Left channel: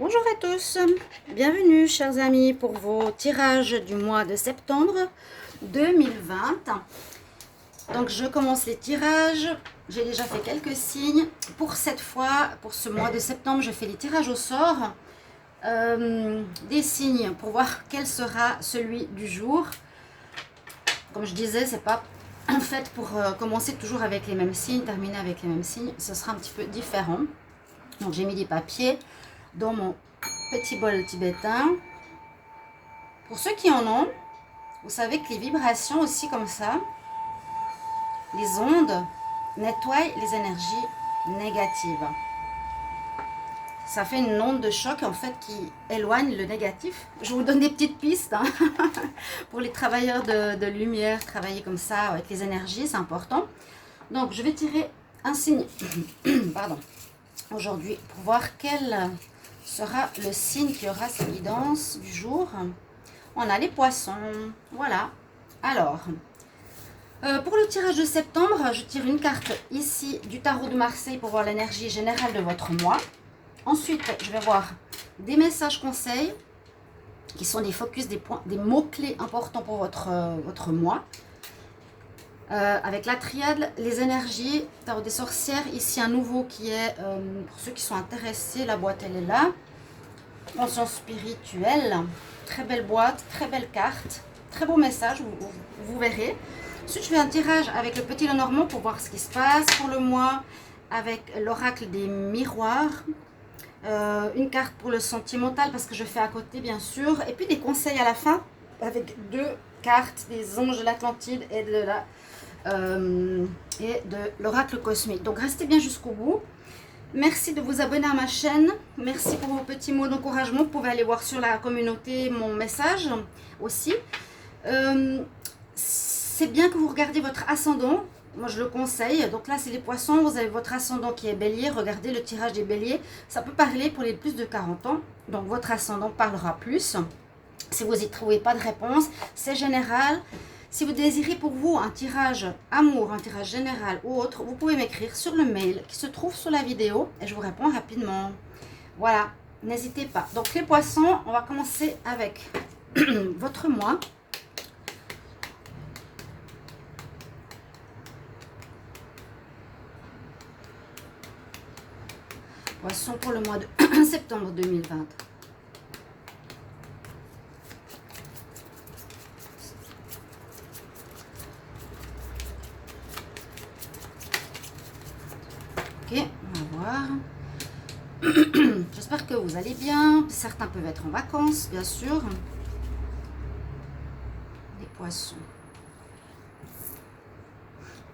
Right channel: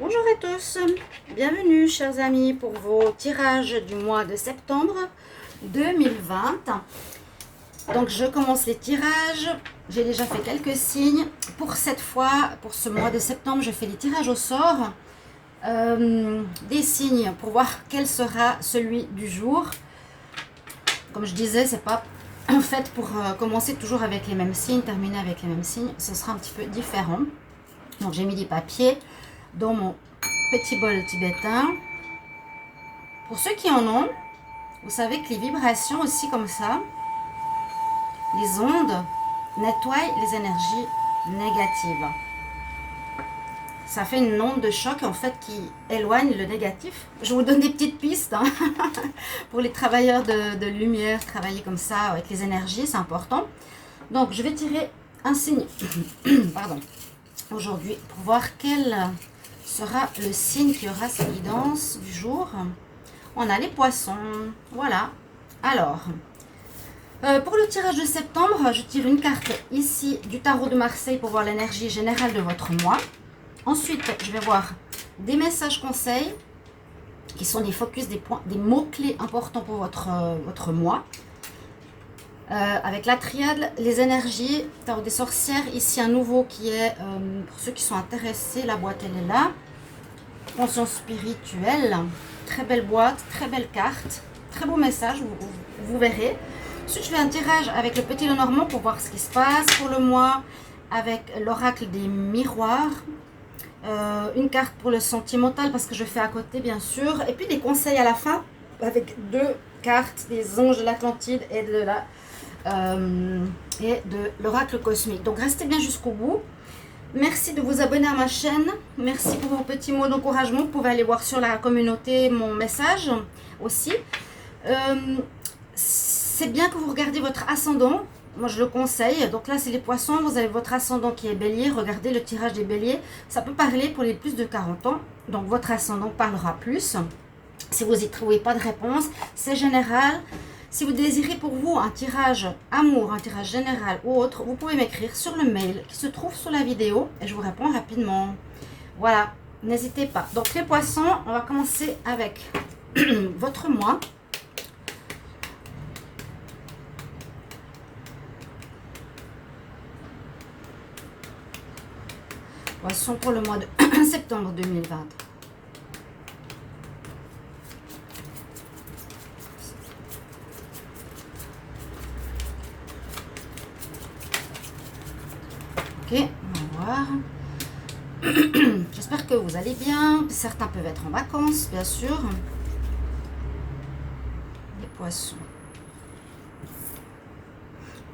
Bonjour à tous, bienvenue chers amis pour vos tirages du mois de septembre 2020. Donc je commence les tirages, j'ai déjà fait quelques signes. Pour cette fois, pour ce mois de septembre, je fais les tirages au sort. Des signes pour voir quel sera celui du jour. Comme je disais, c'est pas en fait pour commencer toujours avec les mêmes signes, terminer avec les mêmes signes, ce sera un petit peu différent. Donc j'ai mis des papiers dans mon petit bol tibétain. Pour ceux qui en ont, vous savez que les vibrations aussi comme ça, les ondes nettoient les énergies négatives. Ça fait une onde de choc en fait qui éloigne le négatif. Je vous donne des petites pistes hein. Pour les travailleurs de lumière, travailler comme ça avec les énergies, c'est important. Donc je vais tirer un signe pardon, aujourd'hui pour voir quel sera le signe qui aura sa guidance du jour. On a les poissons, voilà. Alors, pour le tirage de septembre, je tire une carte ici du tarot de Marseille pour voir l'énergie générale de votre mois. Ensuite, je vais voir des messages conseils qui sont des focus, des points, des mots-clés importants pour votre mois. Avec la triade, les énergies, tarot des sorcières, ici un nouveau qui est, pour ceux qui sont intéressés, la boîte elle est là. Conscience spirituelle, très belle boîte, très belle carte, très beau message, vous verrez. Ensuite, je fais un tirage avec le petit Lenormand pour voir ce qui se passe pour le mois, avec l'oracle des miroirs. Une carte pour le sentimental parce que je fais à côté bien sûr, et puis des conseils à la fin avec deux cartes des anges de l'Atlantide et de l'oracle cosmique. Donc restez bien jusqu'au bout. Merci de vous abonner à ma chaîne, merci pour vos petits mots d'encouragement. Vous pouvez aller voir sur la communauté mon message aussi. C'est bien que vous regardiez votre ascendant. Moi, je le conseille. Donc là, c'est les poissons. Vous avez votre ascendant qui est bélier. Regardez le tirage des béliers. Ça peut parler pour les plus de 40 ans. Donc, votre ascendant parlera plus. Si vous n'y trouvez pas de réponse, c'est général. Si vous désirez pour vous un tirage amour, un tirage général ou autre, vous pouvez m'écrire sur le mail qui se trouve sous la vidéo et je vous réponds rapidement. Voilà, n'hésitez pas. Donc, les poissons, on va commencer avec votre mois. Poisson pour le mois de septembre 2020. Ok, on va voir. J'espère que vous allez bien. Certains peuvent être en vacances, bien sûr. Les poissons.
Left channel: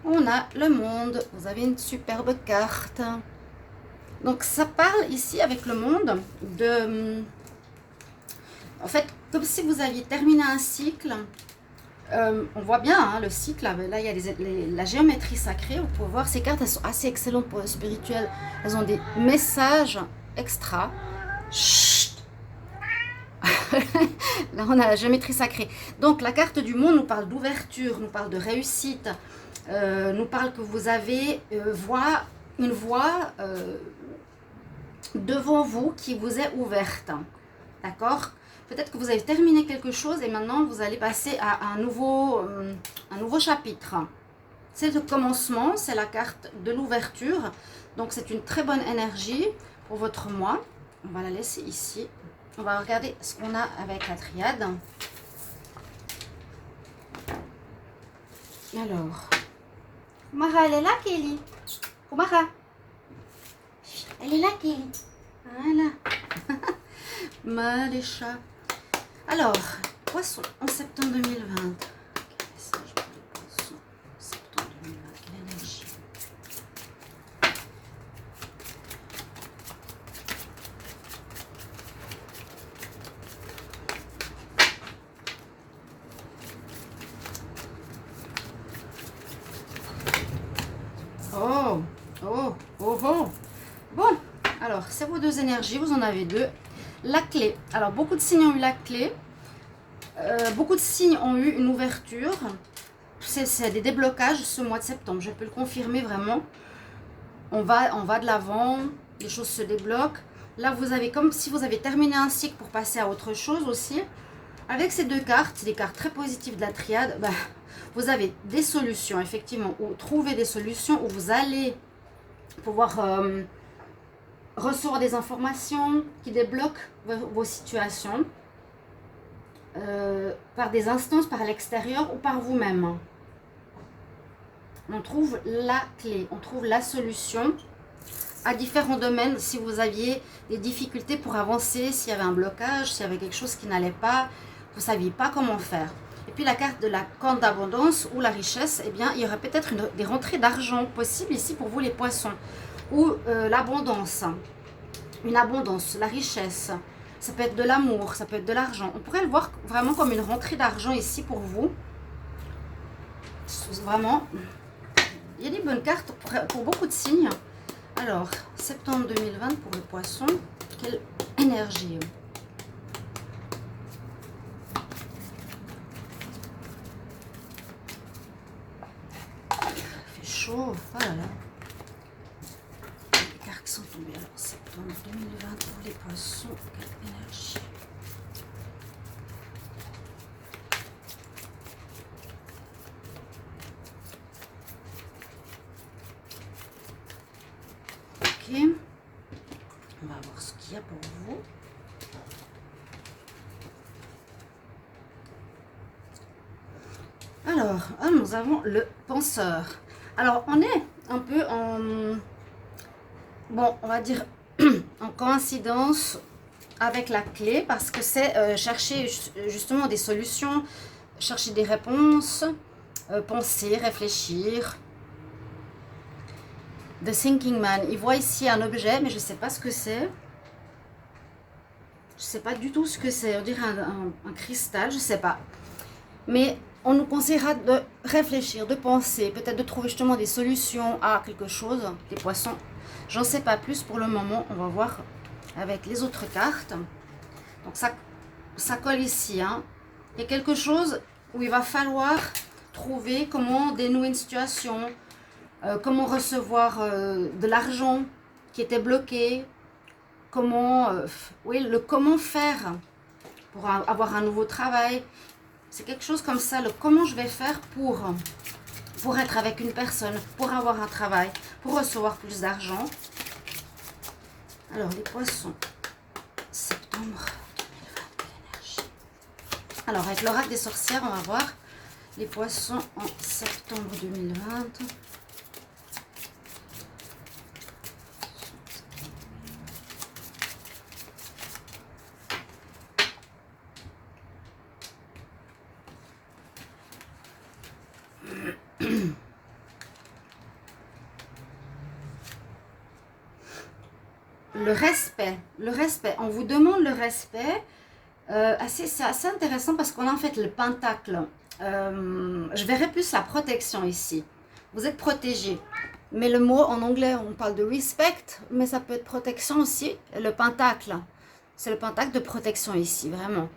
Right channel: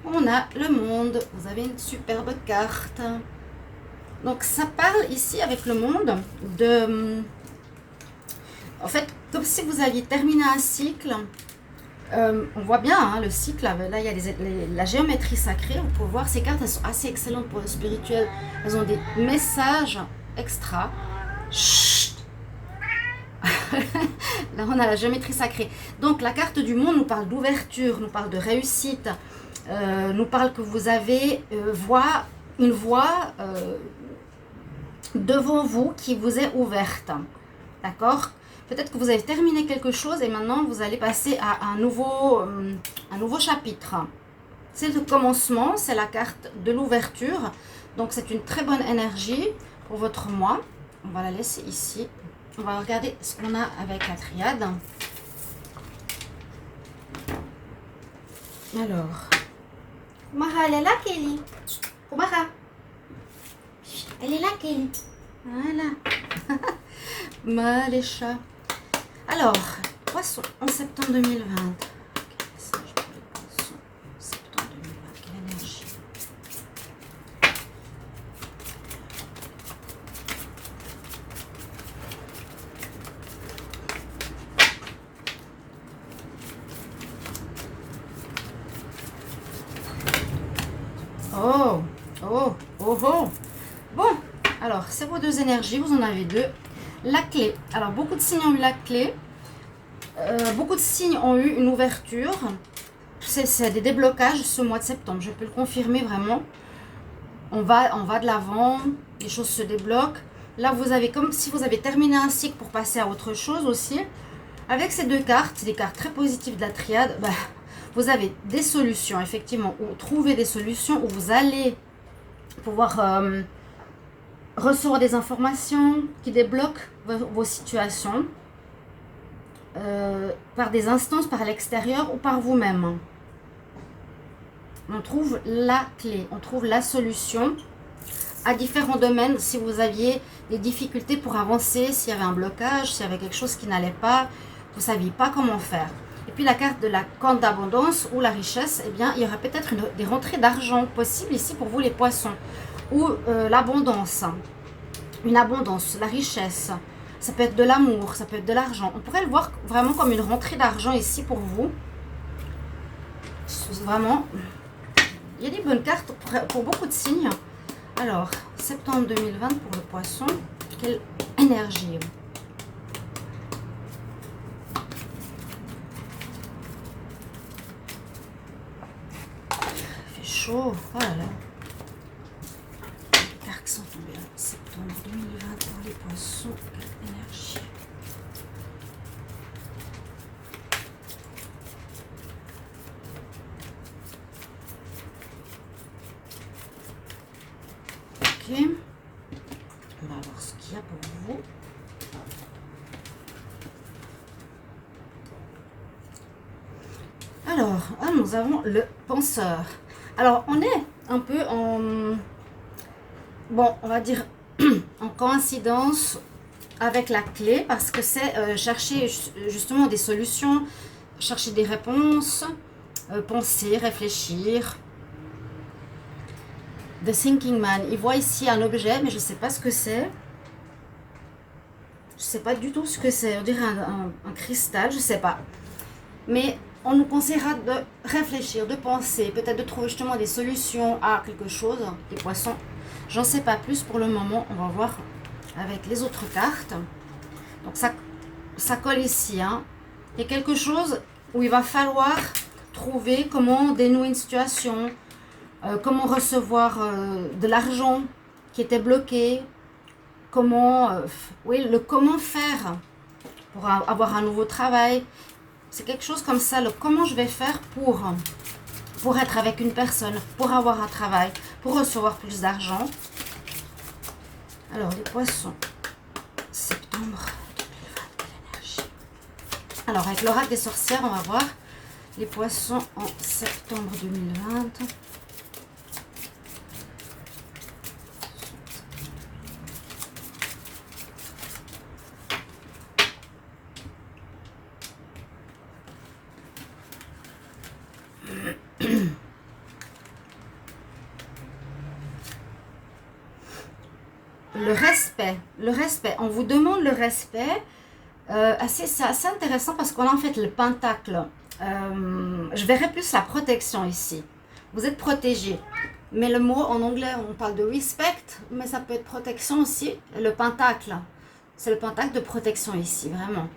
On a le monde. Vous avez une superbe carte. Donc ça parle ici avec le monde de... En fait, comme si vous aviez terminé un cycle. On voit bien hein, le cycle. Là, il y a la géométrie sacrée. Vous pouvez voir ces cartes, elles sont assez excellentes pour le spirituel. Elles ont des messages extra. Chut. Là, on a la géométrie sacrée. Donc, la carte du monde nous parle d'ouverture, nous parle de réussite, nous parle que vous avez une voie devant vous qui vous est ouverte. D'accord ? Peut-être que vous avez terminé quelque chose et maintenant vous allez passer à un nouveau chapitre. C'est le commencement, c'est la carte de l'ouverture. Donc c'est une très bonne énergie pour votre mois. On va la laisser ici. On va regarder ce qu'on a avec la triade. Alors, Kumara, elle est là, Kelly. Kumara. Elle est là, Kelly. Voilà. Les chats. Alors, poisson en septembre 2020. Quel message pour les poissons en septembre 2020? Quelle énergie? Oh, oh, oh, oh. Bon, alors, c'est vos deux énergies, vous en avez deux. La clé. Alors, beaucoup de signes ont eu la clé. Beaucoup de signes ont eu une ouverture. C'est des déblocages ce mois de septembre. Je peux le confirmer vraiment. On va de l'avant. Les choses se débloquent. Là, vous avez comme si vous avez terminé un cycle pour passer à autre chose aussi. Avec ces deux cartes, c'est des cartes très positives de la triade, bah, vous avez des solutions, effectivement, ou trouver des solutions où vous allez pouvoir recevoir des informations qui débloquent vos situations par des instances, par l'extérieur ou par vous-même. On trouve la clé, on trouve la solution à différents domaines. Si vous aviez des difficultés pour avancer, s'il y avait un blocage, s'il y avait quelque chose qui n'allait pas, vous ne saviez pas comment faire. Et puis la carte de la corne d'abondance ou la richesse, eh bien, il y aurait peut-être des rentrées d'argent possibles ici pour vous les poissons. Ou l'abondance, une abondance, la richesse. Ça peut être de l'amour, ça peut être de l'argent. On pourrait le voir vraiment comme une rentrée d'argent ici pour vous. Vraiment, il y a des bonnes cartes pour beaucoup de signes. Alors, septembre 2020 pour le poisson, quelle énergie! Il fait chaud, voilà. Les cartes sont tombées. Alors, septembre 2020 pour les poissons, quelle énergie! Ok, on va voir ce qu'il y a pour vous. Alors, nous avons le penseur. Alors, on est un peu en, bon, on va dire en coïncidence avec la clé parce que c'est chercher justement des solutions, chercher des réponses, penser, réfléchir. The Thinking Man, il voit ici un objet, mais je ne sais pas ce que c'est. Je ne sais pas du tout ce que c'est. On dirait un cristal, je ne sais pas. Mais on nous conseillera de réfléchir, de penser, peut-être de trouver justement des solutions à quelque chose. Les poissons, j'en sais pas plus pour le moment. On va voir avec les autres cartes. Donc ça colle ici. Hein. Il y a quelque chose où il va falloir trouver comment dénouer une situation. Comment recevoir de l'argent qui était bloqué, comment, comment faire pour avoir un nouveau travail. C'est quelque chose comme ça, le comment je vais faire pour être avec une personne, pour avoir un travail, pour recevoir plus d'argent. Alors, les poissons, septembre 2020, l'énergie. Alors, avec l'oracle des sorcières, on va voir les poissons en septembre 2020. Le respect, on vous demande le respect. C'est assez intéressant parce qu'on a en fait le pentacle. Je verrais plus la protection ici. Vous êtes protégé. Mais le mot en anglais, on parle de respect, mais ça peut être protection aussi. Le pentacle, c'est le pentacle de protection ici, vraiment.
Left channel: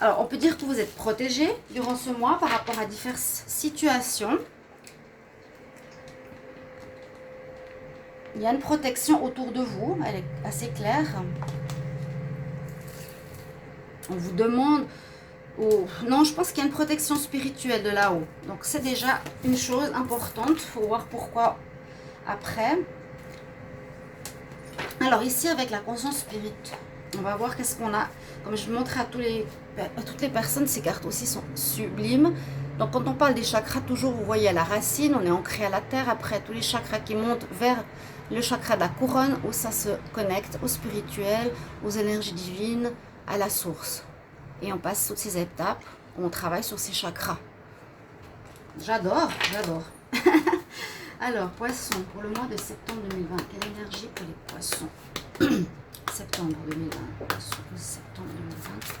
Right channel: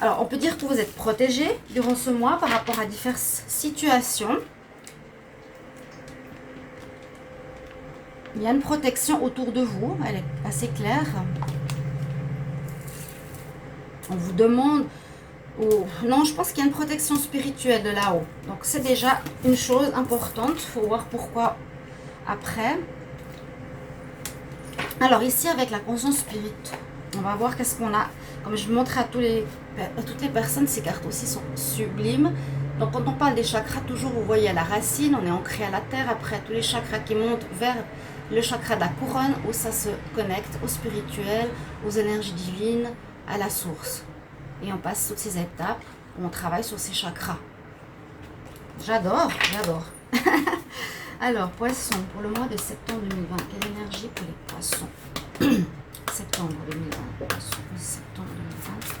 Alors, on peut dire que vous êtes protégé durant ce mois par rapport à diverses situations. Il y a une protection autour de vous, elle est assez claire. On vous demande... non, je pense qu'il y a une protection spirituelle de là-haut. Donc c'est déjà une chose importante. Il faut voir pourquoi après. Alors ici, avec la conscience spirit, on va voir qu'est-ce qu'on a. Comme je montre à toutes les personnes, ces cartes aussi sont sublimes. Donc quand on parle des chakras, toujours vous voyez à la racine, on est ancré à la terre. Après, tous les chakras qui montent vers le chakra de la couronne, où ça se connecte au spirituel, aux énergies divines, à la source. Et on passe toutes ces étapes où on travaille sur ces chakras. J'adore, j'adore. Alors, poisson, pour le mois de septembre 2020, quelle énergie pour les poissons? Septembre 2020, poisson, septembre 2020.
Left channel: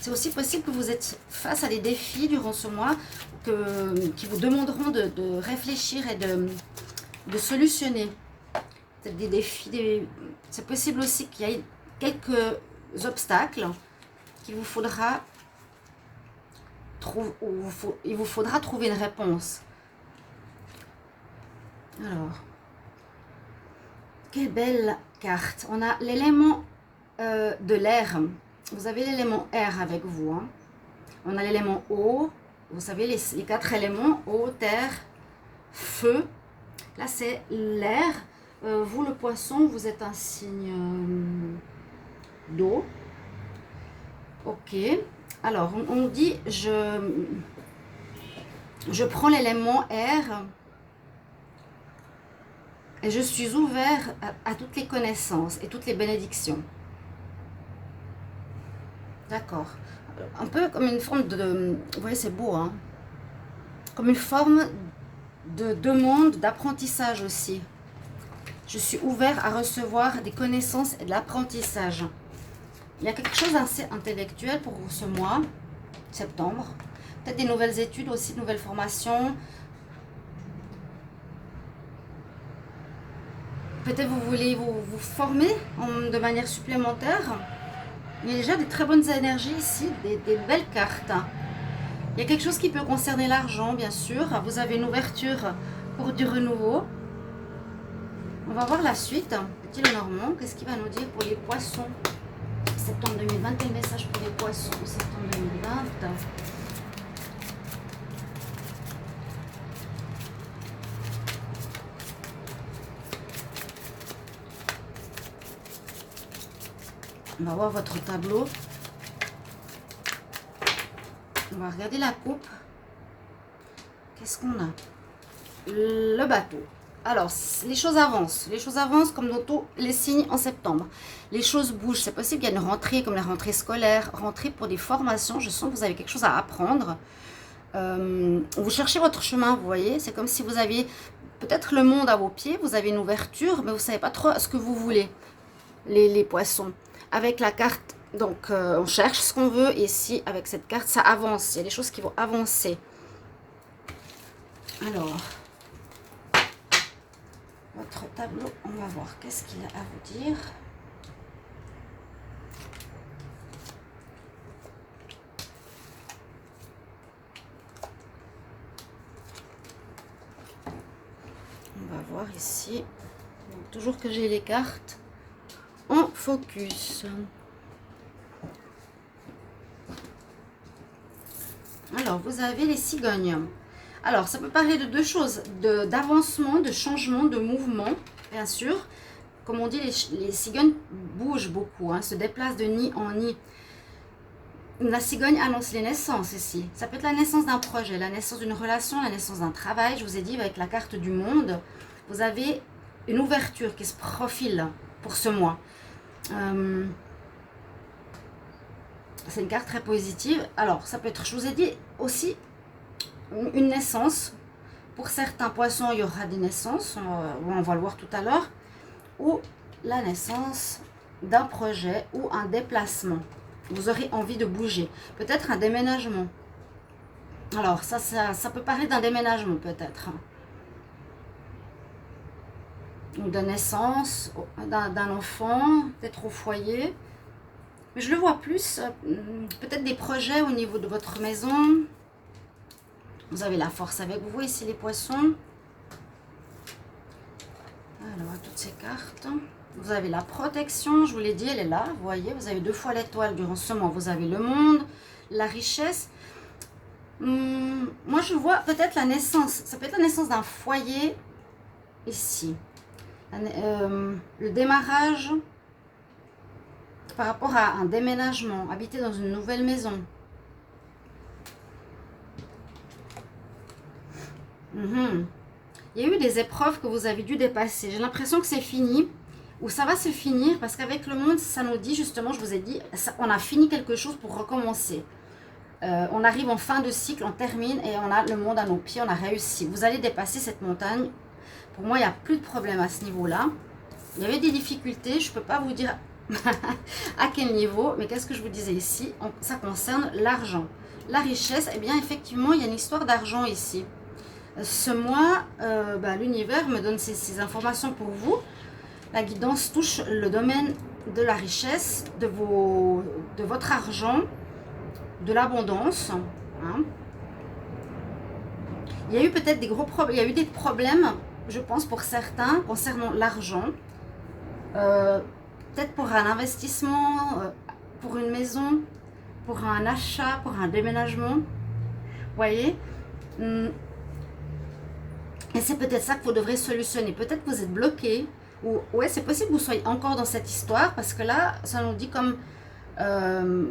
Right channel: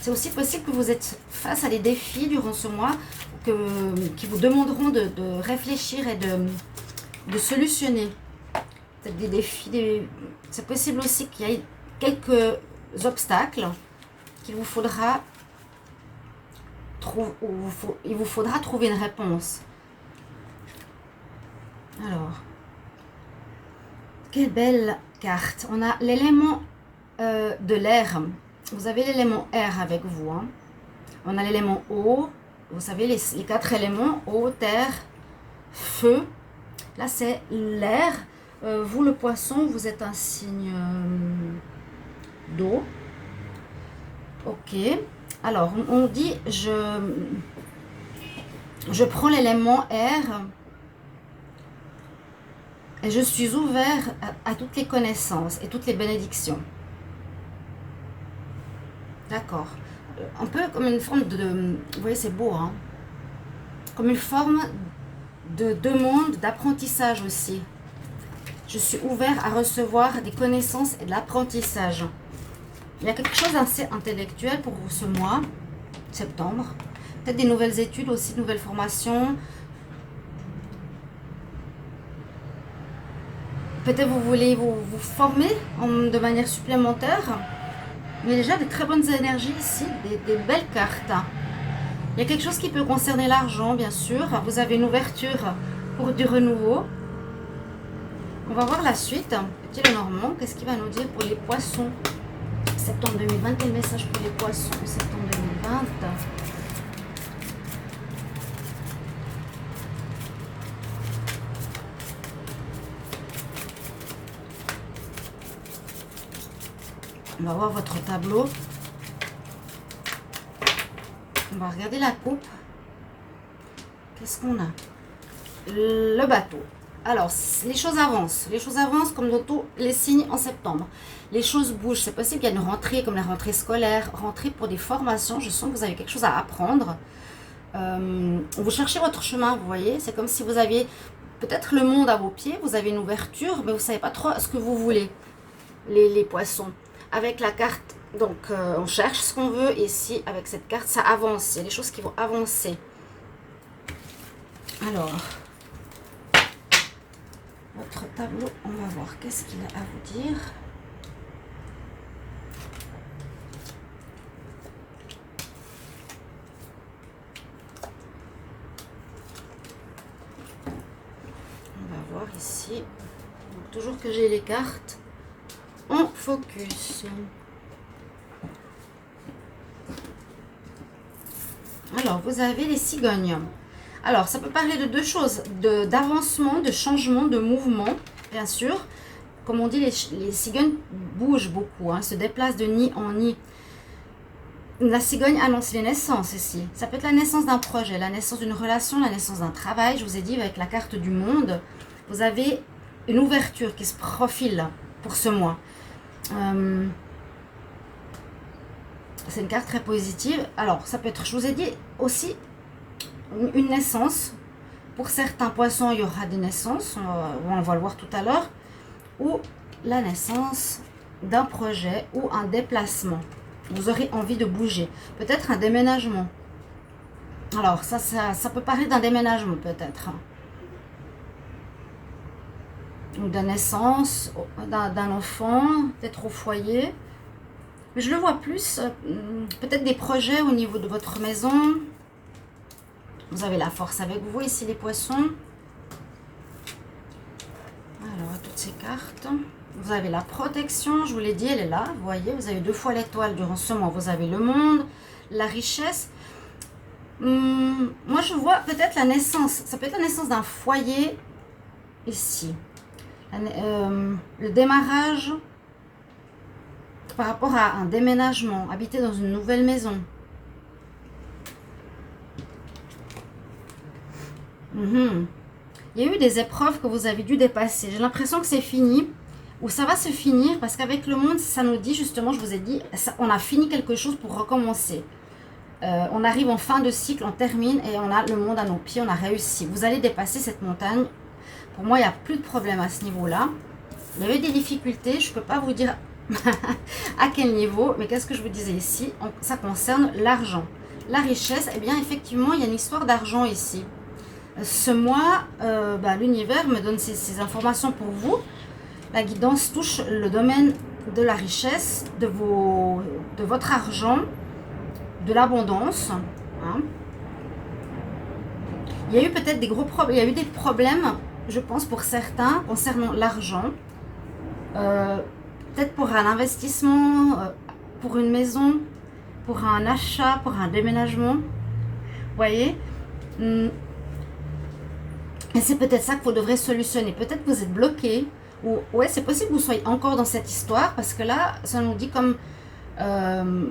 C'est aussi possible que vous êtes face à des défis durant ce mois qui vous demanderont de réfléchir et de solutionner. Peut-être des défis. C'est possible aussi qu'il y ait quelques obstacles qu'il vous faudra il vous faudra trouver une réponse. Alors, quelle belle carte. On a l'élément de l'air. Vous avez l'élément air avec vous. Hein. On a l'élément eau. Vous savez, les 4 éléments, eau, terre, feu. Là, c'est l'air. Vous, le poisson, vous êtes un signe d'eau. Ok. Alors, on dit, je prends l'élément air et je suis ouvert à toutes les connaissances et toutes les bénédictions. D'accord. Un peu comme une forme de... Vous voyez, c'est beau, hein? Comme une forme de demande, d'apprentissage aussi. Je suis ouvert à recevoir des connaissances et de l'apprentissage. Il y a quelque chose d'assez intellectuel pour vous ce mois, septembre. Peut-être des nouvelles études aussi, de nouvelles formations. Peut-être vous voulez vous former de manière supplémentaire. Il y a déjà des très bonnes énergies ici, des belles cartes. Il y a quelque chose qui peut concerner l'argent, bien sûr. Vous avez une ouverture pour du renouveau. On va voir la suite. Petit Lenormand, qu'est-ce qu'il va nous dire pour les poissons? Septembre 2020, quel message pour les poissons? Septembre 2020. On va voir votre tableau. On va regarder la coupe. Qu'est-ce qu'on a? Le bateau. Alors, les choses avancent. Les choses avancent comme dans tous les signes en septembre. Les choses bougent. C'est possible qu'il y a une rentrée comme la rentrée scolaire, rentrée pour des formations. Je sens que vous avez quelque chose à apprendre. Vous cherchez votre chemin, vous voyez. C'est comme si vous aviez peut-être le monde à vos pieds. Vous avez une ouverture, mais vous ne savez pas trop ce que vous voulez. Les poissons. Avec la carte, donc on cherche ce qu'on veut. Et ici, avec cette carte, ça avance. Il y a des choses qui vont avancer. Alors... Votre tableau, on va voir qu'est-ce qu'il a à vous dire. On va voir ici. Donc, toujours que j'ai les cartes en focus. Alors, vous avez les cigognes. Alors, ça peut parler de deux choses, d'avancement, de changement, de mouvement, bien sûr. Comme on dit, les cigognes bougent beaucoup, hein, se déplacent de nid en nid. La cigogne annonce les naissances ici. Ça peut être la naissance d'un projet, la naissance d'une relation, la naissance d'un travail. Je vous ai dit, avec la carte du monde, vous avez une ouverture qui se profile pour ce mois. C'est une carte très positive. Alors, ça peut être, je vous ai dit aussi... une naissance. Pour certains poissons, il y aura des naissances, on va le voir tout à l'heure, ou la naissance d'un projet ou un déplacement. Vous aurez envie de bouger. Peut-être un déménagement. Alors, ça peut parler d'un déménagement peut-être. Ou de naissance d'un enfant, peut-être au foyer. Mais je le vois plus, peut-être des projets au niveau de votre maison. Vous avez la force avec vous ici, les poissons. Alors, toutes ces cartes. Vous avez la protection, je vous l'ai dit, elle est là. Vous voyez, vous avez 2 fois l'étoile durant ce mois. Vous avez le monde, la richesse. Moi, je vois peut-être la naissance. Ça peut être la naissance d'un foyer ici. Le démarrage par rapport à un déménagement. Habiter dans une nouvelle maison. Il y a eu des épreuves que vous avez dû dépasser. J'ai l'impression que c'est fini, ou ça va se finir, parce qu'avec le monde, ça nous dit justement, je vous ai dit, on a fini quelque chose pour recommencer. On arrive en fin de cycle, on termine, et on a le monde à nos pieds, on a réussi. Vous allez dépasser cette montagne. Pour moi, il n'y a plus de problème à ce niveau-là. Il y avait des difficultés, je ne peux pas vous dire à quel niveau, mais qu'est-ce que je vous disais ici? Ça concerne l'argent. La richesse, eh bien, effectivement, il y a une histoire d'argent ici. Ce mois, l'univers me donne ces informations pour vous. La guidance touche le domaine de la richesse, de votre argent, de l'abondance. Hein. Il y a eu peut-être des gros problèmes, il y a eu des problèmes, je pense, pour certains concernant l'argent. Peut-être pour un investissement, pour une maison, pour un achat, pour un déménagement. Vous voyez? Et c'est peut-être ça que vous devrez solutionner. Peut-être que vous êtes bloqué. Ou ouais, c'est possible que vous soyez encore dans cette histoire. Parce que là, ça nous dit comme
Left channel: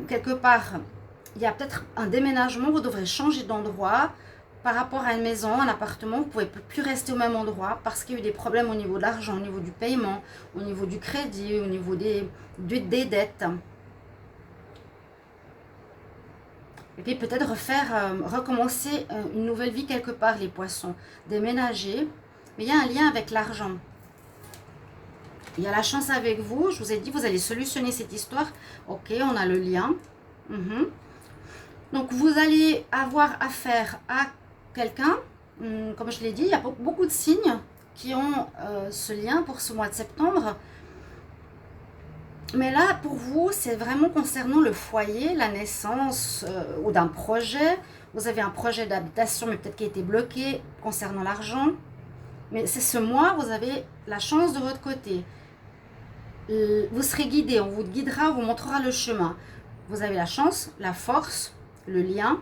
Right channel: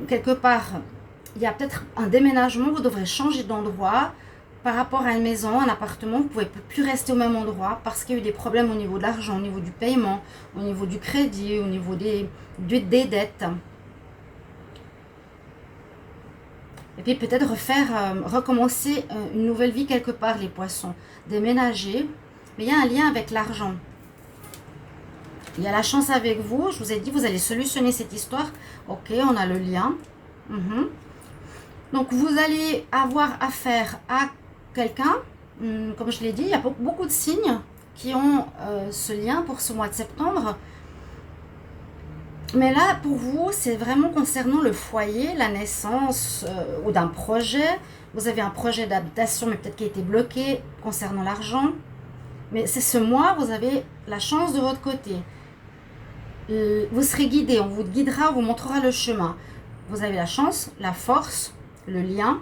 quelque part, il y a peut-être un déménagement. Vous devrez changer d'endroit. Par rapport à une maison, un appartement, vous ne pouvez plus rester au même endroit. Parce qu'il y a eu des problèmes au niveau de l'argent, au niveau du paiement, au niveau du crédit, au niveau des dettes. Et puis peut-être recommencer une nouvelle vie quelque part, les poissons. Déménager. Mais il y a un lien avec l'argent. Il y a la chance avec vous. Je vous ai dit, vous allez solutionner cette histoire. Ok, on a le lien. Donc vous allez avoir affaire à quelqu'un. Comme je l'ai dit, il y a beaucoup de signes qui ont ce lien pour ce mois de septembre. Mais là, pour vous, c'est vraiment concernant le foyer, la naissance ou d'un projet. Vous avez un projet d'habitation, mais peut-être qui a été bloqué concernant l'argent. Mais c'est ce mois, vous avez la chance de votre côté. Vous serez guidé, on vous guidera, on vous montrera le chemin. Vous avez la chance, la force, le lien.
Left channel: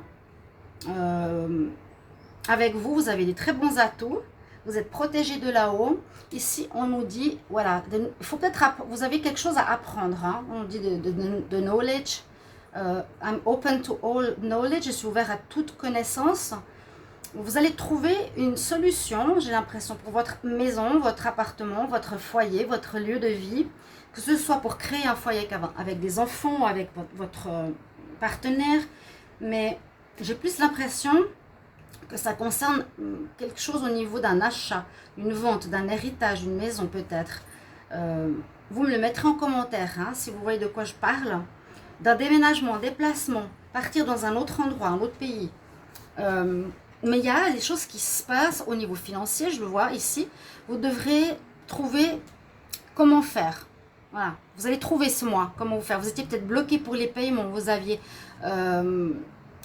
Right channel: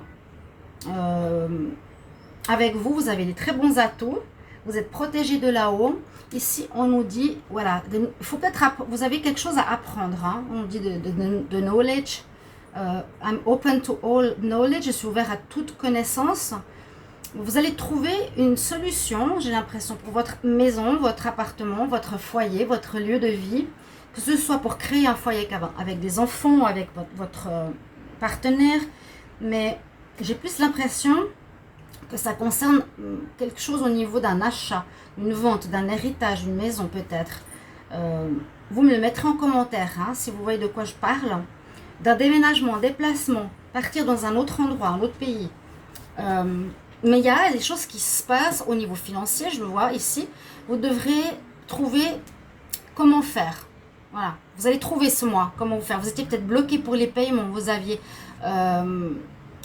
Avec vous, vous avez des très bons atouts. Vous êtes protégé de là-haut. Ici, on nous dit, voilà, il faut peut-être, vous avez quelque chose à apprendre. Hein. On nous dit de knowledge. I'm open to all knowledge. Je suis ouvert à toute connaissance. Vous allez trouver une solution, j'ai l'impression, pour votre maison, votre appartement, votre foyer, votre lieu de vie. Que ce soit pour créer un foyer avec des enfants, avec votre partenaire. Mais j'ai plus l'impression que ça concerne quelque chose au niveau d'un achat, une vente, d'un héritage, une maison peut-être. Vous me le mettrez en commentaire, hein, si vous voyez de quoi je parle. D'un déménagement, déplacement, partir dans un autre endroit, un autre pays. Mais il y a des choses qui se passent au niveau financier, je le vois ici. Vous devrez trouver comment faire. Voilà, vous allez trouver ce mois comment vous faire. Vous étiez peut-être bloqué pour les paiements, vous aviez...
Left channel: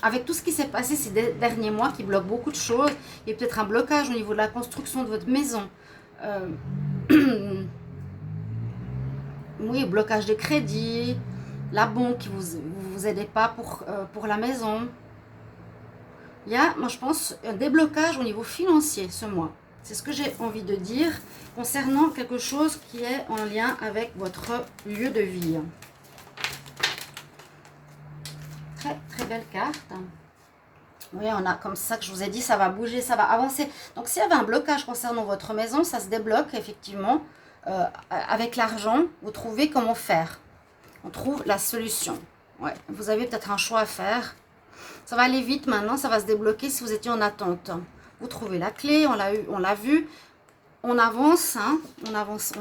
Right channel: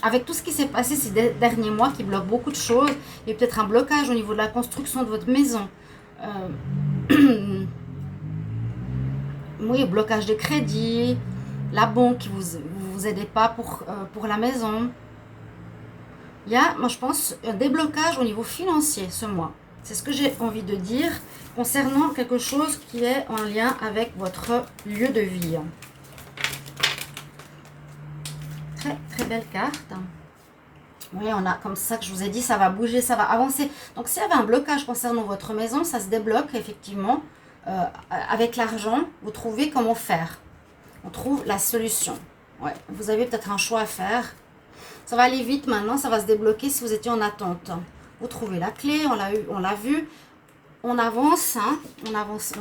avec tout ce qui s'est passé ces derniers mois qui bloque beaucoup de choses, il y a peut-être un blocage au niveau de la construction de votre maison. Oui, blocage de crédit, la banque qui vous aidez pas pour la maison. Il y a, moi je pense, un déblocage au niveau financier ce mois. C'est ce que j'ai envie de dire concernant quelque chose qui est en lien avec votre lieu de vie. Très très belle carte. Oui, on a comme ça que je vous ai dit, ça va bouger, ça va avancer. Donc s'il y avait un blocage concernant votre maison, ça se débloque effectivement. Avec l'argent, vous trouvez comment faire. On trouve la solution. Ouais, vous avez peut-être un choix à faire. Ça va aller vite maintenant, ça va se débloquer si vous étiez en attente. Vous trouvez la clé, on l'a vu. On avance, hein, on avance.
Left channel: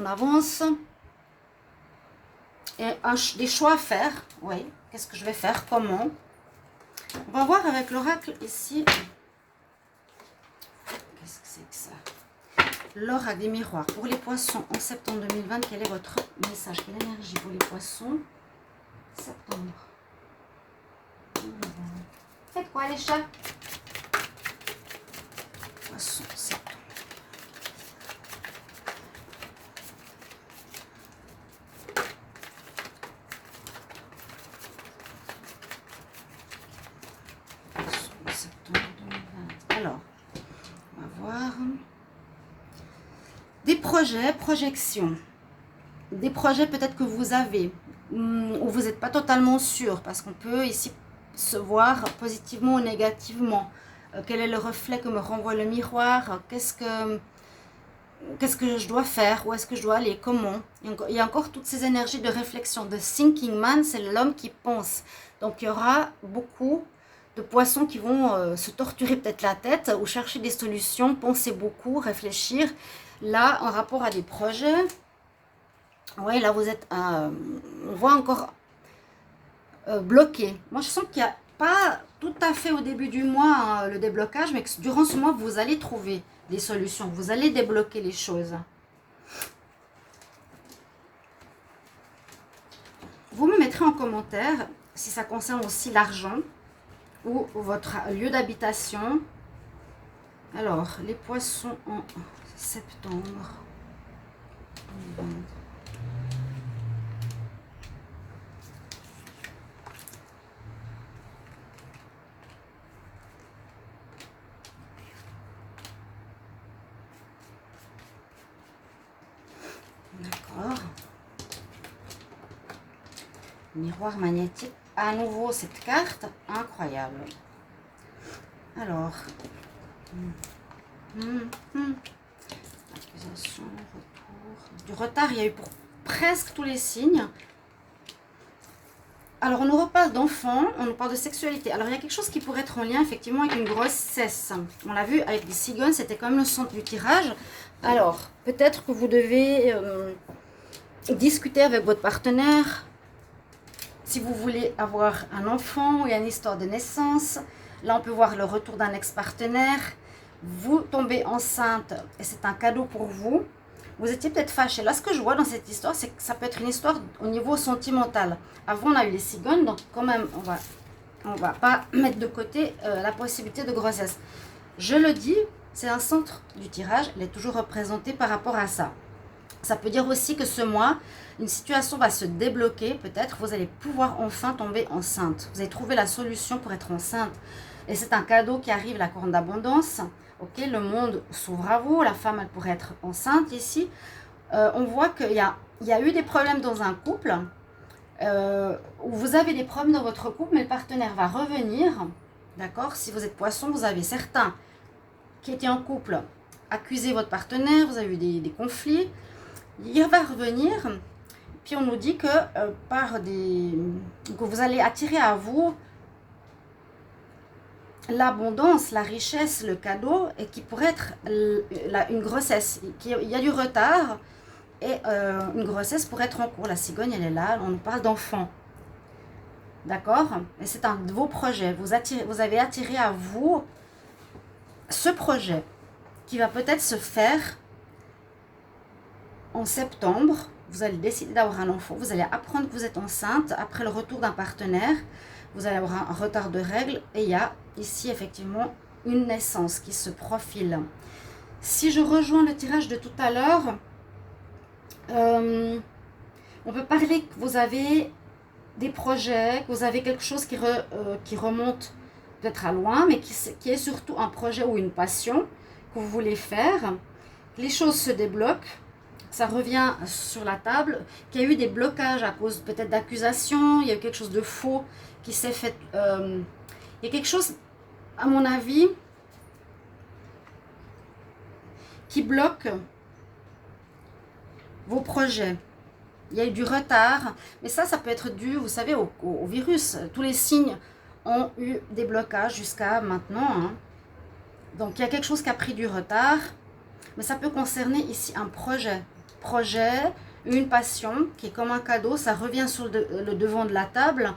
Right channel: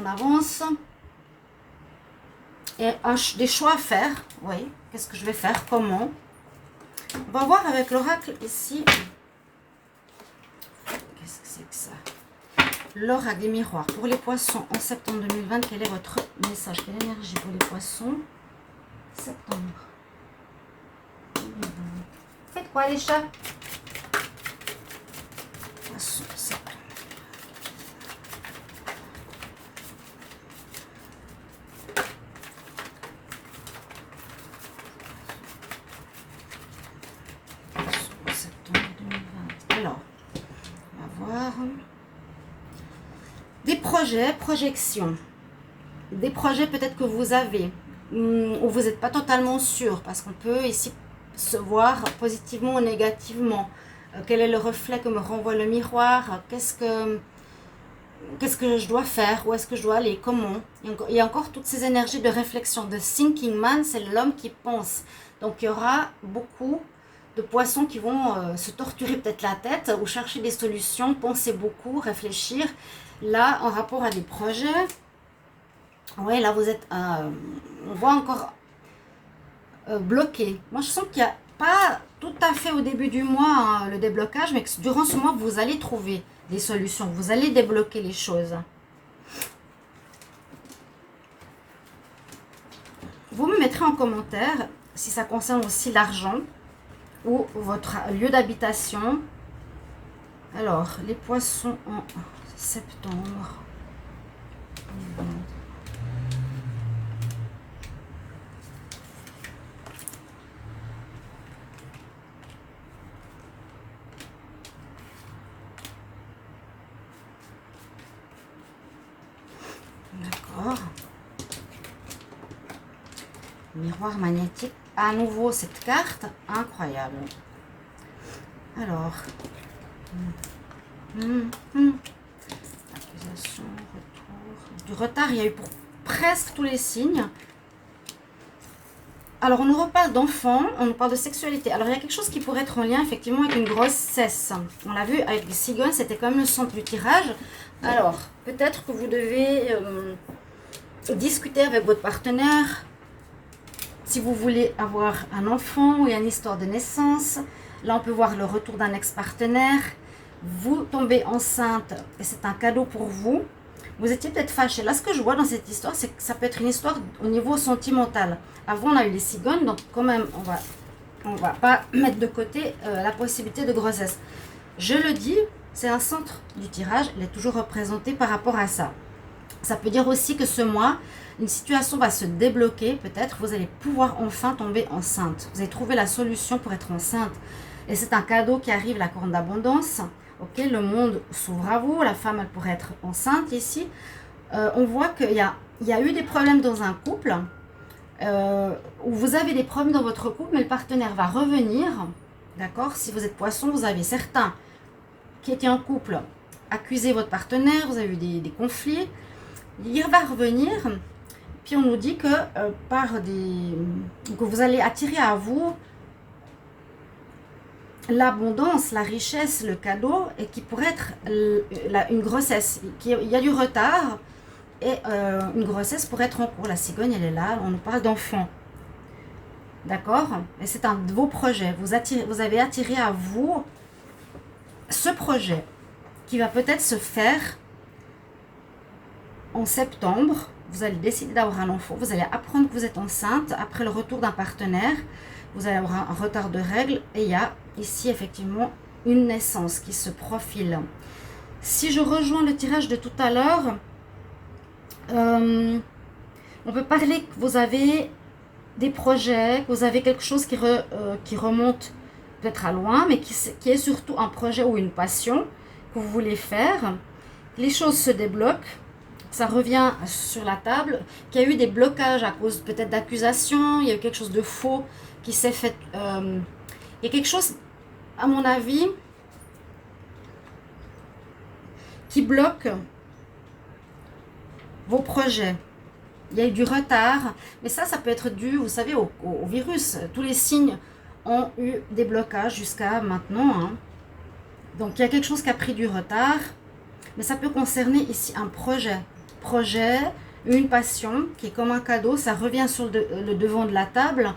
Et des choix à faire. Oui, qu'est-ce que je vais faire, comment? On va voir avec l'oracle ici. Qu'est-ce que c'est que ça? L'oracle des miroirs. Pour les poissons en septembre 2020, quel est votre message? Quelle énergie pour les poissons? Septembre 2020. Faites quoi les chats? Poissons, septembre. Alors, on va voir. Des projets, projections. Des projets peut-être que vous avez, où vous n'êtes pas totalement sûr, parce qu'on peut ici se voir positivement ou négativement. Quel est le reflet que me renvoie le miroir? Qu'est-ce que je dois faire? Où est-ce que je dois aller? Comment? Il y a encore toutes ces énergies de réflexion. The thinking man, c'est l'homme qui pense. Donc il y aura beaucoup de poissons qui vont se torturer peut-être la tête ou chercher des solutions, penser beaucoup, réfléchir. Là, en rapport à des projets, ouais, là vous êtes, on voit encore bloqué. Moi, je sens qu'il n'y a pas tout à fait au début du mois le déblocage, mais que durant ce mois, vous allez trouver des solutions. Vous allez débloquer les choses. vous me mettrez en commentaire si ça concerne aussi l'argent ou votre lieu d'habitation. Alors, les poissons en septembre. D'accord. Miroir magnétique. À nouveau, cette carte, incroyable. Alors. Accusation, retour. Du retard, il y a eu pour presque tous les signes. Alors, on nous reparle d'enfants, on nous parle de sexualité. Alors, il y a quelque chose qui pourrait être en lien, effectivement, avec une grossesse. On l'a vu avec les cigognes, c'était quand même le centre du tirage. Alors, peut-être que vous devez discuter avec votre partenaire si vous voulez avoir un enfant ou une histoire de naissance. Là, on peut voir le retour d'un ex-partenaire. Vous tombez enceinte et c'est un cadeau pour vous. Vous étiez peut-être fâché. Là, ce que je vois dans cette histoire, c'est que ça peut être une histoire au niveau sentimental. Avant, on a eu les cigognes, donc quand même, on va pas mettre de côté la possibilité de grossesse. Je le dis, c'est un centre du tirage, elle est toujours représentée par rapport à ça. Ça peut dire aussi que ce mois, une situation va se débloquer, peut-être, vous allez pouvoir enfin tomber enceinte. Vous allez trouver la solution pour être enceinte. Et c'est un cadeau qui arrive, la corne d'abondance. Ok, le monde s'ouvre à vous, la femme elle pourrait être enceinte ici. On voit qu'il y a eu des problèmes dans un couple, où vous avez des problèmes dans votre couple, mais le partenaire va revenir, d'accord? Si vous êtes poisson, vous avez certains qui étaient en couple, accusez votre partenaire, vous avez eu des conflits, il va revenir, puis on nous dit que, que vous allez attirer à vous l'abondance, la richesse, le cadeau, et qui pourrait être une grossesse. Il y a du retard, et une grossesse pourrait être en cours. La cigogne, elle est là, on nous parle d'enfant. D'accord? Et c'est un de vos projets. Vous avez attiré à vous ce projet qui va peut-être se faire en septembre. Vous allez décider d'avoir un enfant, vous allez apprendre que vous êtes enceinte après le retour d'un partenaire. Vous allez avoir un retard de règles et il y a ici effectivement une naissance qui se profile. Si je rejoins le tirage de tout à l'heure, on peut parler que vous avez des projets, que vous avez quelque chose qui remonte peut-être à loin, mais qui est surtout un projet ou une passion que vous voulez faire. Les choses se débloquent, ça revient sur la table, qu'il y a eu des blocages à cause peut-être d'accusations, il y a eu quelque chose de faux qui s'est fait. Il y a quelque chose, à mon avis, qui bloque vos projets. Il y a eu du retard, mais ça peut être dû, vous savez, au virus. Tous les signes ont eu des blocages jusqu'à maintenant. Hein. Donc, il y a quelque chose qui a pris du retard, mais ça peut concerner ici un projet. Une passion qui est comme un cadeau, ça revient sur le devant de la table.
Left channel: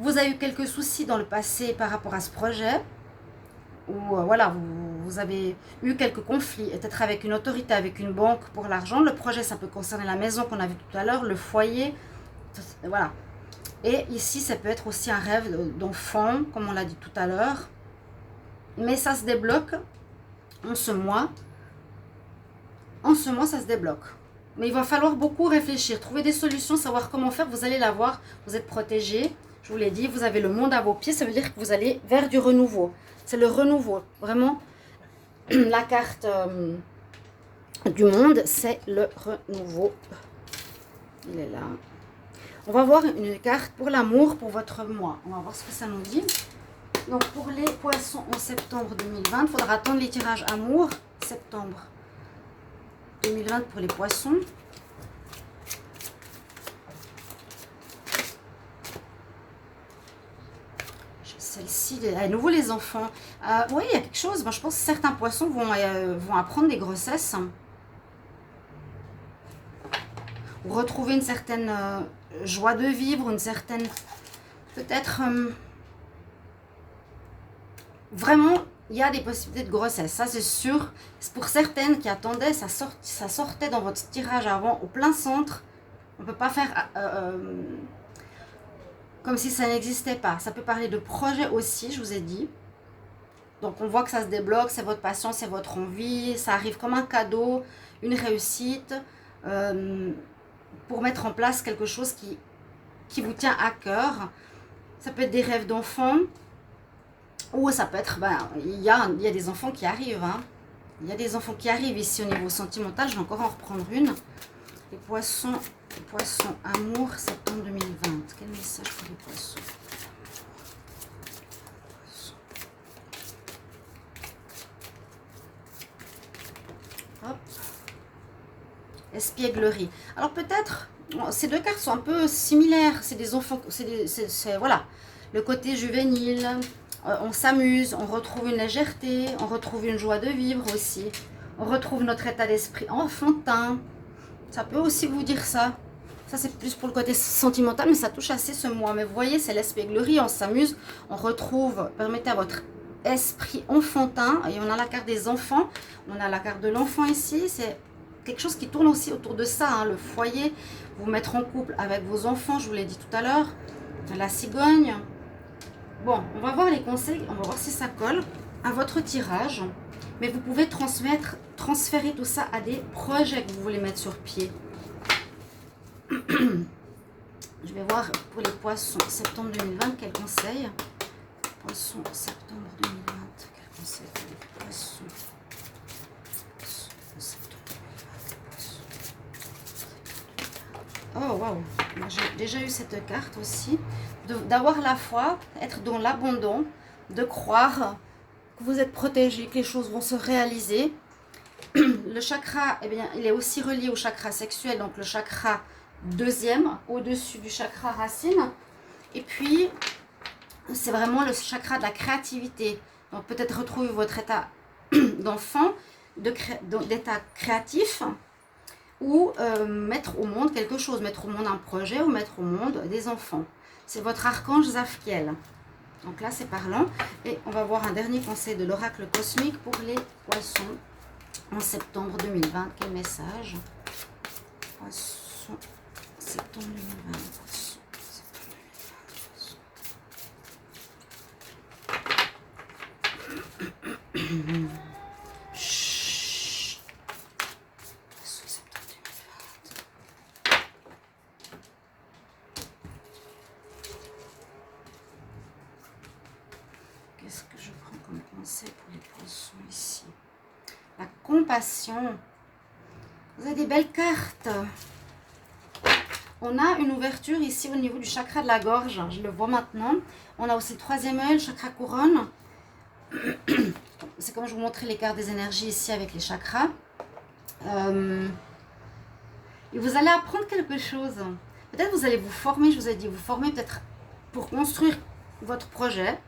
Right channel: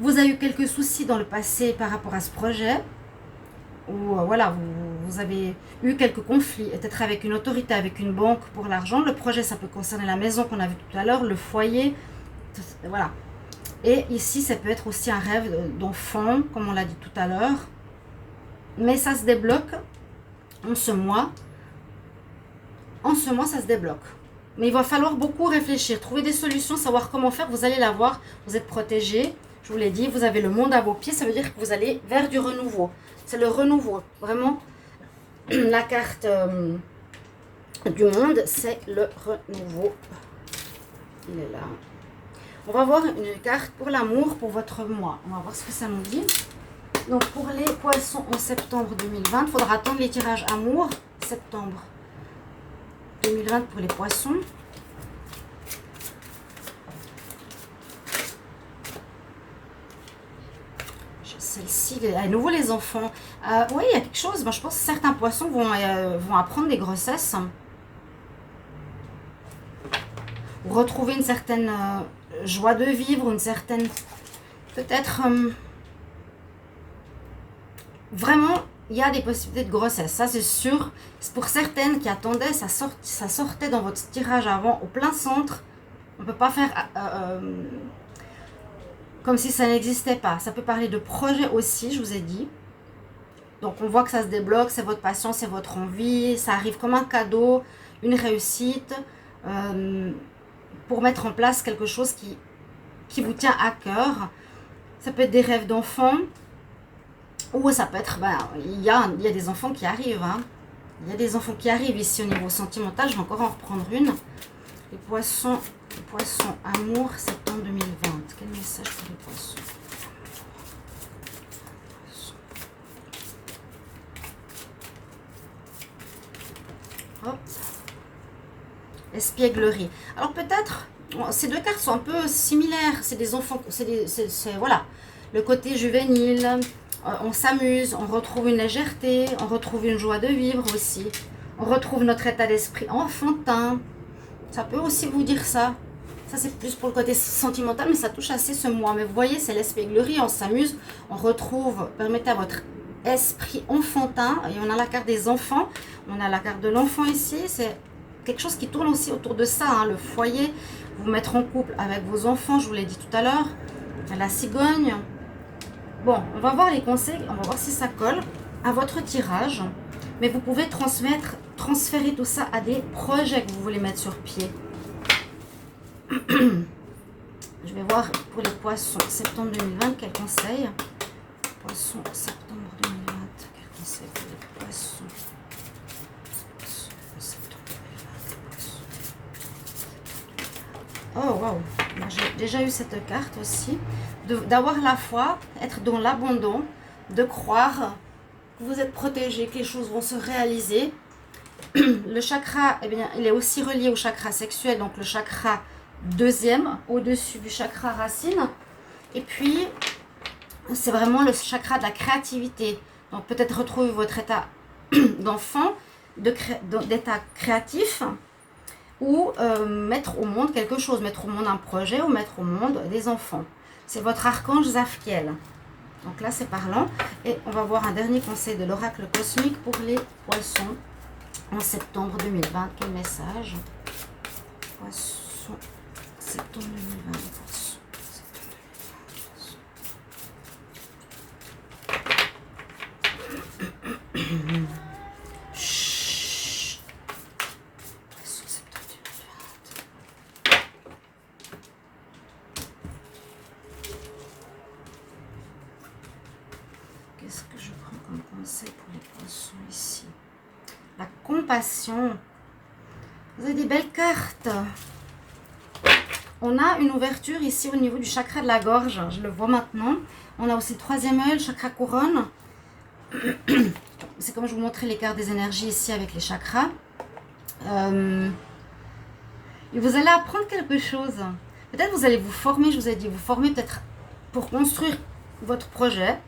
Vous avez eu quelques soucis dans le passé par rapport à ce projet, ou voilà, vous avez eu quelques conflits, peut-être avec une autorité, avec une banque pour l'argent. Le projet, ça peut concerner la maison qu'on a vu tout à l'heure, le foyer, voilà. Et ici, ça peut être aussi un rêve d'enfant, comme on l'a dit tout à l'heure. Mais ça se débloque en ce mois. En ce mois, ça se débloque. Mais il va falloir beaucoup réfléchir, trouver des solutions, savoir comment faire. Vous allez l'avoir, vous êtes protégé. Je vous l'ai dit, vous avez le monde à vos pieds. Ça veut dire que vous allez vers du renouveau. C'est le renouveau. Vraiment, la carte du monde, c'est le renouveau. Il est là. On va voir une carte pour l'amour, pour votre mois. On va voir ce que ça nous dit. Donc, pour les poissons en septembre 2020, il faudra attendre les tirages amour. Septembre 2020 pour les poissons. Celle-ci, à nouveau les enfants. Oui, il y a quelque chose. Moi, je pense que certains poissons vont apprendre des grossesses. Ou retrouver une certaine joie de vivre, une certaine... Peut-être... vraiment, il y a des possibilités de grossesse. Ça, c'est sûr. C'est pour certaines qui attendaient, ça sortait dans votre tirage avant, au plein centre. On ne peut pas faire comme si ça n'existait pas. Ça peut parler de projet aussi, je vous ai dit. Donc on voit que ça se débloque, c'est votre passion, c'est votre envie, ça arrive comme un cadeau, une réussite, pour mettre en place quelque chose qui vous tient à cœur. Ça peut être des rêves d'enfants, ou ça peut être, il y a des enfants qui arrivent, hein. Il y a des enfants qui arrivent ici au niveau sentimental. Je vais encore en reprendre une. Les poissons amour, septembre 2020. Quel message pour les poissons? Hop. Espièglerie. Alors peut-être, ces deux cartes sont un peu similaires. C'est des enfants, voilà, le côté juvénile. On s'amuse, on retrouve une légèreté, on retrouve une joie de vivre aussi. On retrouve notre état d'esprit enfantin. Ça peut aussi vous dire ça. Ça, c'est plus pour le côté sentimental, mais ça touche assez ce mois. Mais vous voyez, c'est l'espièglerie, on s'amuse, on retrouve, permettez à votre esprit enfantin. Et on a la carte des enfants, on a la carte de l'enfant ici. C'est quelque chose qui tourne aussi autour de ça, hein, le foyer. Vous mettre en couple avec vos enfants, je vous l'ai dit tout à l'heure. La cigogne. Bon, on va voir les conseils, on va voir si ça colle à votre tirage. Mais vous pouvez transférer tout ça à des projets que vous voulez mettre sur pied. Je vais voir pour les poissons, septembre 2020, quel conseil? Poissons, septembre 2020, quel conseil pour les poissons? Septembre 2020, poissons. Oh, waouh! J'ai déjà eu cette carte aussi. D'avoir la foi, être dans l'abondant, de croire que vous êtes protégé, que les choses vont se réaliser. Le chakra, eh bien, il est aussi relié au chakra sexuel, donc le chakra deuxième, au-dessus du chakra racine. Et puis, c'est vraiment le chakra de la créativité. Donc, peut-être retrouver votre état d'enfant, d'état créatif, ou mettre au monde quelque chose, mettre au monde un projet, ou mettre au monde des enfants. C'est votre archange Zaphiel. Donc là, c'est parlant. Et on va voir un dernier conseil de l'oracle cosmique pour les poissons en septembre 2020. Quel message? Poissons, septembre 2020. Poissons, septembre 2020. Chut. Poissons, septembre 2020. Qu'est-ce que je prends comme conseil pour les poissons ici? La compassion. Vous avez des belles cartes. On a une ouverture ici au niveau du chakra de la gorge. Je le vois maintenant. On a aussi le troisième œil, le chakra couronne. C'est comme je vous montrais les cartes des énergies ici avec les chakras. Et vous allez apprendre quelque chose. Peut-être vous allez vous former, je vous ai dit, vous former peut-être pour construire votre projet.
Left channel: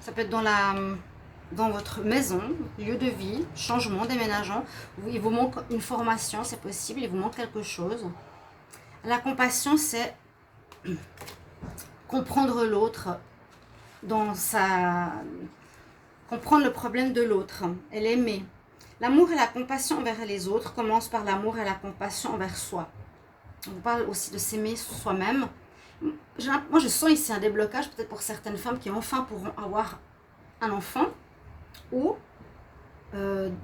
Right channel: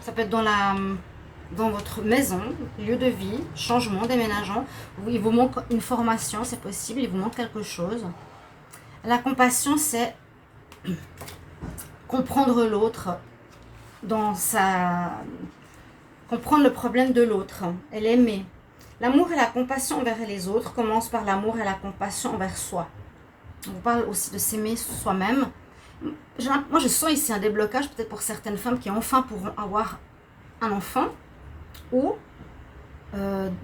Ça peut être dans votre maison, lieu de vie, changement, déménageant. Il vous manque une formation, c'est possible, il vous manque quelque chose. La compassion, c'est comprendre l'autre comprendre le problème de l'autre et l'aimer. L'amour et la compassion envers les autres commencent par l'amour et la compassion envers soi. On vous parle aussi de s'aimer soi-même. Moi, je sens ici un déblocage, peut-être pour certaines femmes qui enfin pourront avoir un enfant ou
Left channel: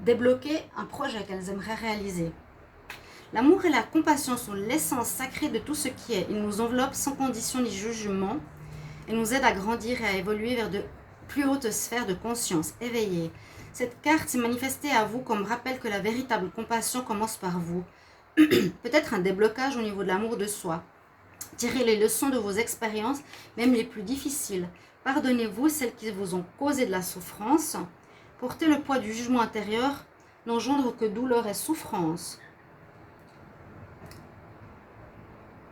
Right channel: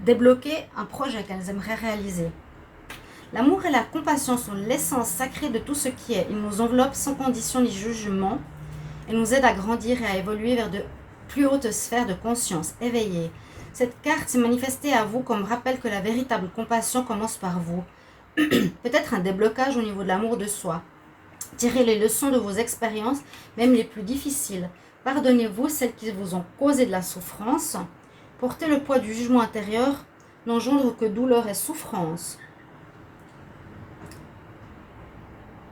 débloquer un projet qu'elles aimeraient réaliser. L'amour et la compassion sont l'essence sacrée de tout ce qui est. Ils nous enveloppent sans condition ni jugement et nous aident à grandir et à évoluer vers de plus hautes sphères de conscience éveillées. Cette carte s'est manifestée à vous comme rappel que la véritable compassion commence par vous. Peut-être un déblocage au niveau de l'amour de soi. Tirez les leçons de vos expériences, même les plus difficiles. Pardonnez-vous celles qui vous ont causé de la souffrance. Porter le poids du jugement intérieur n'engendre que douleur et souffrance.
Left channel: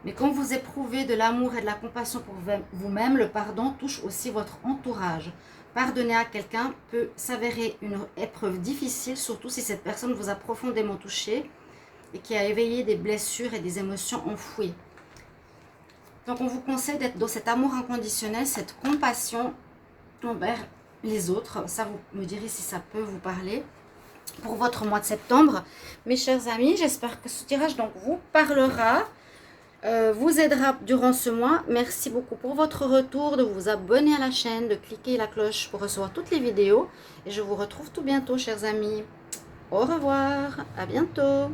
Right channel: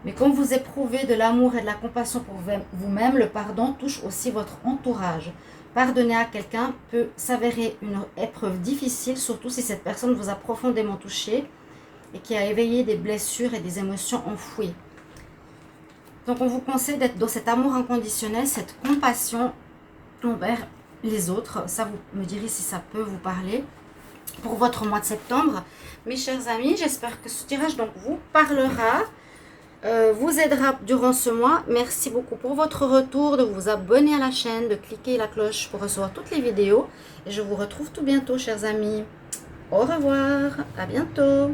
Mais quand vous éprouvez de l'amour et de la compassion pour vous-même, le pardon touche aussi votre entourage. Pardonner à quelqu'un peut s'avérer une épreuve difficile, surtout si cette personne vous a profondément touché et qui a éveillé des blessures et des émotions enfouies. Donc on vous conseille d'être dans cet amour inconditionnel, cette compassion envers les autres. Ça, vous me direz si ça peut vous parler pour votre mois de septembre. Mes chers amis, j'espère que ce tirage donc vous parlera. vous aidera durant ce mois. Merci beaucoup pour votre retour, de vous abonner à la chaîne, de cliquer la cloche pour recevoir toutes les vidéos. Et je vous retrouve tout bientôt, chers amis. Au revoir, à bientôt.